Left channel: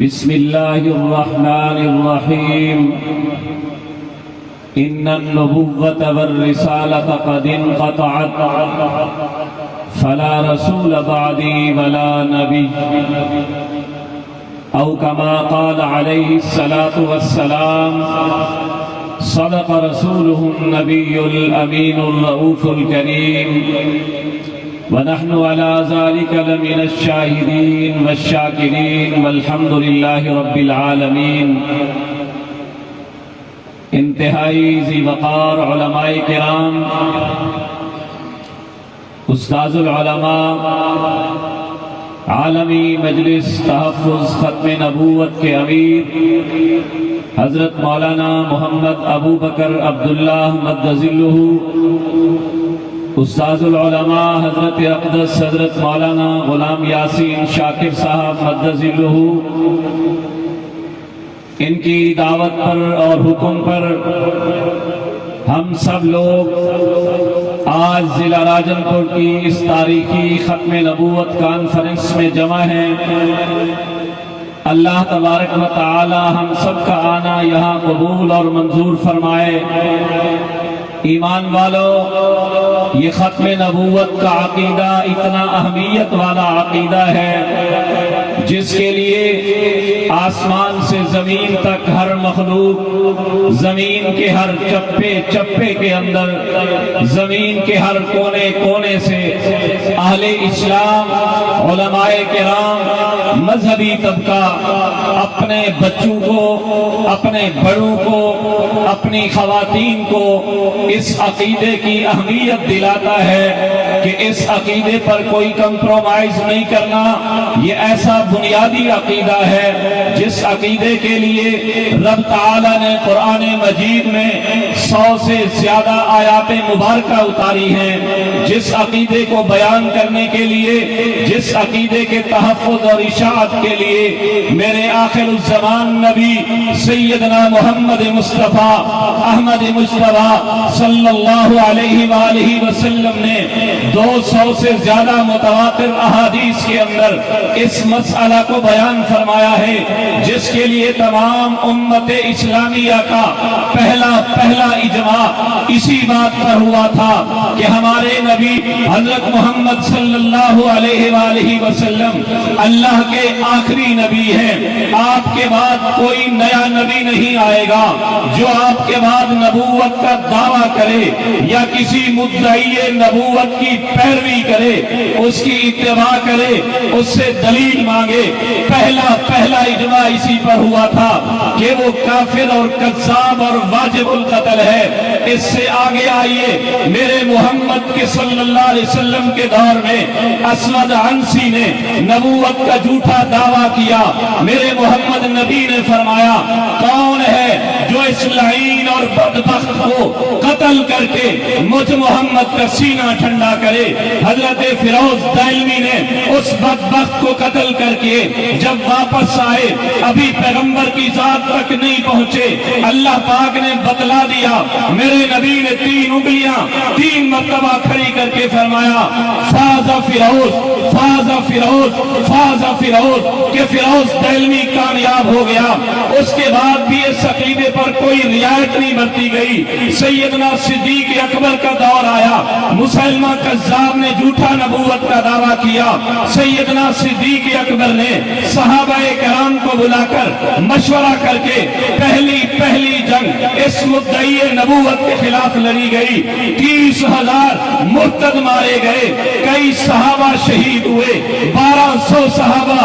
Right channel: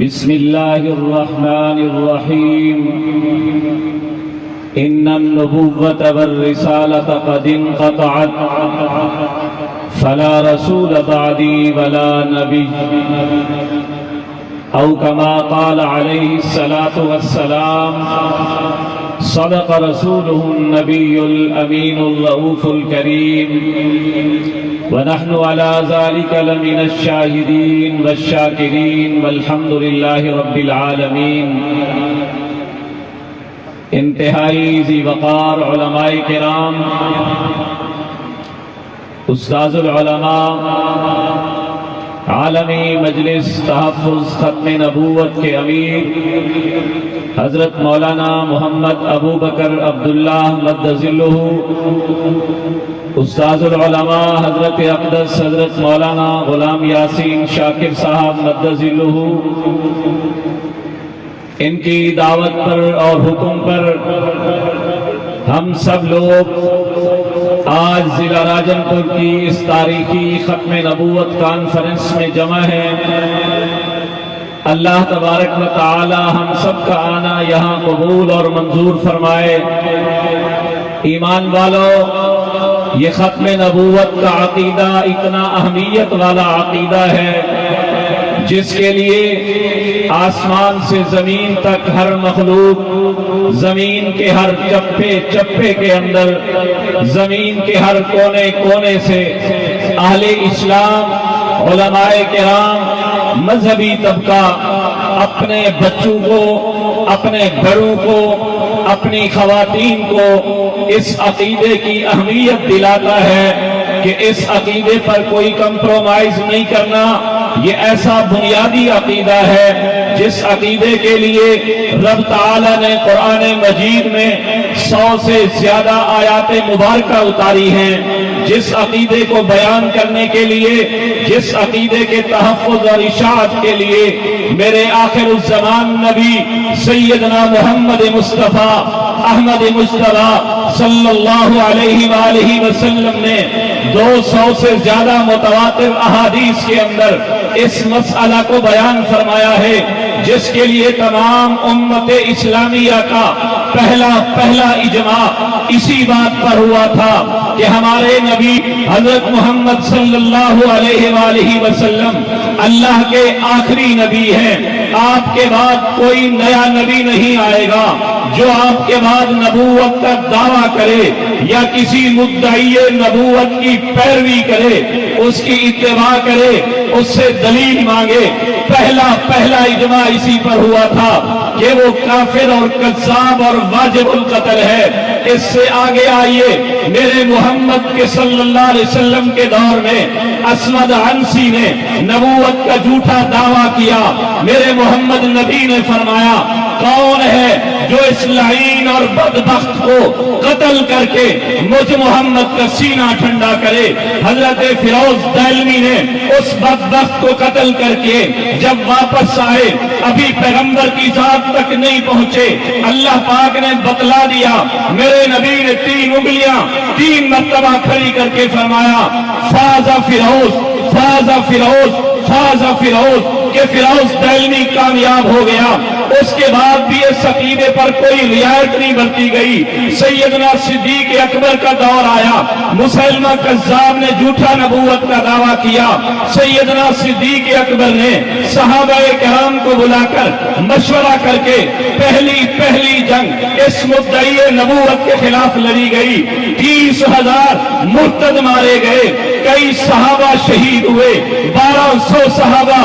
بسم الله الرحمن الرحيم إن النبوة والرسالة قد انقطعت فلا رسول بعدي ولا نبي أو كما قال عليه الصلاة والسلام صدق رسوله النبي الأمين الرؤوف الكريم ونحن على ذلك لمن الشاهدين والشاكرين والحمد لله رب العالمين۔ انتہائی ذی وقار علماء کرام، استاذ العلماء، عالمی مجلس تحفظ ختم نبوت کے امیر حضرت مولانا محمد ابو بکر عبداللہ مد ظلہ، استاذ العلماء حضرت اقدس حضرت مولانا غلام یاسین شاکر صاحب مد ظلہ، ان کی دعوت پر اور حکم پر ہم سب لوگ آج ضلع راجن پور کی اس تاریخی ختم نبوت کانفرنس میں جمع ہیں۔ اللہ تبارک و تعالی ہم سب کا آنا یہاں قبول اور منظور فرمائے۔ ایمان والو، یہ ختم نبوت کا عقیدہ اتنا اہمیت والا عقیدہ ہے جس کے لیے آسمان سے زمین تک ہر مخلوق، زمین کے ہر چپے چپے کے اندر، زمین کے ہر کونے کونے سے اہل اسلام، علماء کرام، مذہبی طبقہ اپنے بچوں کو، اپنے گھروں کو، اپنی خواتین کو اس عقیدے کی اہمیت دلاتا ہے کہ اس عقیدے پر کوئی کمپرومائز نہیں کرنا۔ یہ ایسا بنیادی عقیدہ ہے جس عقیدے کے لیے رب تعالیٰ نے قرآن مجید میں 100 سے زیادہ آیات مبارکہ اتاری ہیں، جس عقیدے کو بیان کرنے کے لیے، جس عقیدے کے تحفظ اور اشاعت کے لیے میرے آخر الزمان نبی سیدنا محمد مصطفیٰ احمد مجتبیٰ صلی اللہ علیہ وآلہ وسلم نے 200 سے زیادہ متواتر احادیث کے اندر اس مسئلہ کو بیان فرمایا ہے، جس کے لیے تمام امت اسلامیہ کا پہلا اجماع اسی بات پر ہوا تھا کہ ہمارے نبی حضرت محمد صلی اللہ علیہ وآلہ وسلم اللہ کے آخری نبی ہیں۔ آپ کے بعد کوئی نیا نبی نہیں آئے گا جو آپ کے بعد نبوت کا دعویٰ کرے یا کسی مدعی نبوت کی پیروی کرے، اس کی اتباع کرے، اس سے دلیل مانگے۔ پہلا اجماع اسی پر ہوا تھا کہ وہ کافر اور کذاب اور واجب القتل ہے۔ اس سے آگے آئیے، میرے محمد کے صلی اللہ علیہ وسلم کے دور میں اسود عنسی نے نبوت کا جھوٹا دعویٰ کیا۔ میرے محمد نبی نے فرمایا، کون ہے جو اس لعین اور بدبخت کو قتل کر کے مجھ محمد کا سینہ ٹھنڈا کرے؟ حضرت فیروز دہلوی نے اس بدبخت کو قتل کر کے جب واپس آئے، ابھی پیغمبر کی ذات تک نہیں پہنچے، اللہ پاک نے بتلا دیا۔ میرے نبی نے 3 انگلیاں 3 مرتبہ کھڑی کر کے فرمایا، فاز فیروز، فاز فیروز، فاز فیروز، کہ فیروز دہلوی کامیاب ہو گیا۔ اس کے بعد بھی اس عقیدے پر کوئی رعایت نہیں برتی گئی۔ سیدنا صدیق اکبر کا دور آیا، مسلمہ کذاب نے جھوٹا نبوت کا دعویٰ کیا۔ سیدنا صدیق اکبر نے صحابہ کرام کو بلا کر مشورہ کر کے پہلی جنگ اس مدعی نبوت کے خلاف لڑی گئی۔ 30,000 مرتد مارے گئے، کئی صحابہ شہید ہوئے، 1200 صحابہ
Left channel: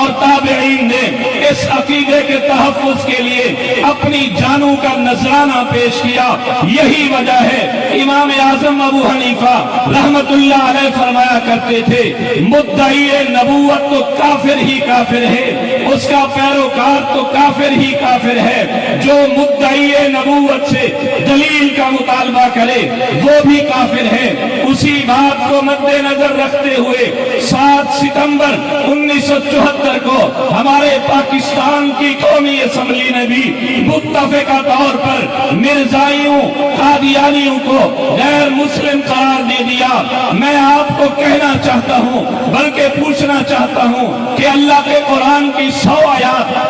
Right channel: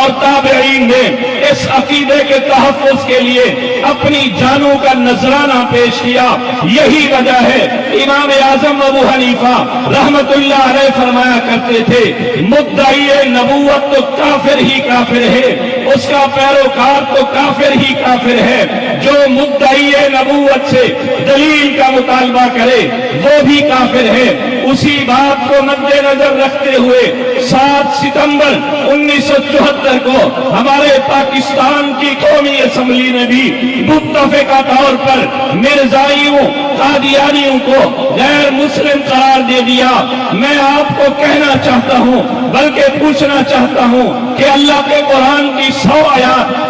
اور تابعین نے اس عقیدے کے تحفظ کے لیے اپنی جانوں کا نذرانہ پیش کیا۔ یہی وجہ ہے امام اعظم ابو حنیفہ رحمت اللہ علیہ فرمایا کرتے تھے، مدعی نبوت تو کافر ہی کافر ہے، اس کا پیروکار تو کافر ہی کافر ہے۔ جو مدعی نبوت سے دلیل کا مطالبہ کرے وہ بھی کافر ہے۔ اسی بات کو مد نظر رکھتے ہوئے 7 ستمبر 1974 کو ہمارے پاکستان کی قومی اسمبلی نے بھی متفقہ طور پر مرزائیوں، قادیانیوں کو غیر مسلم قرار دے دیا۔ میں آپ کو کہنا چاہتا ہوں، بلکہ پوچھنا چاہتا ہوں کہ اللہ کے قرآن کی 100 آیات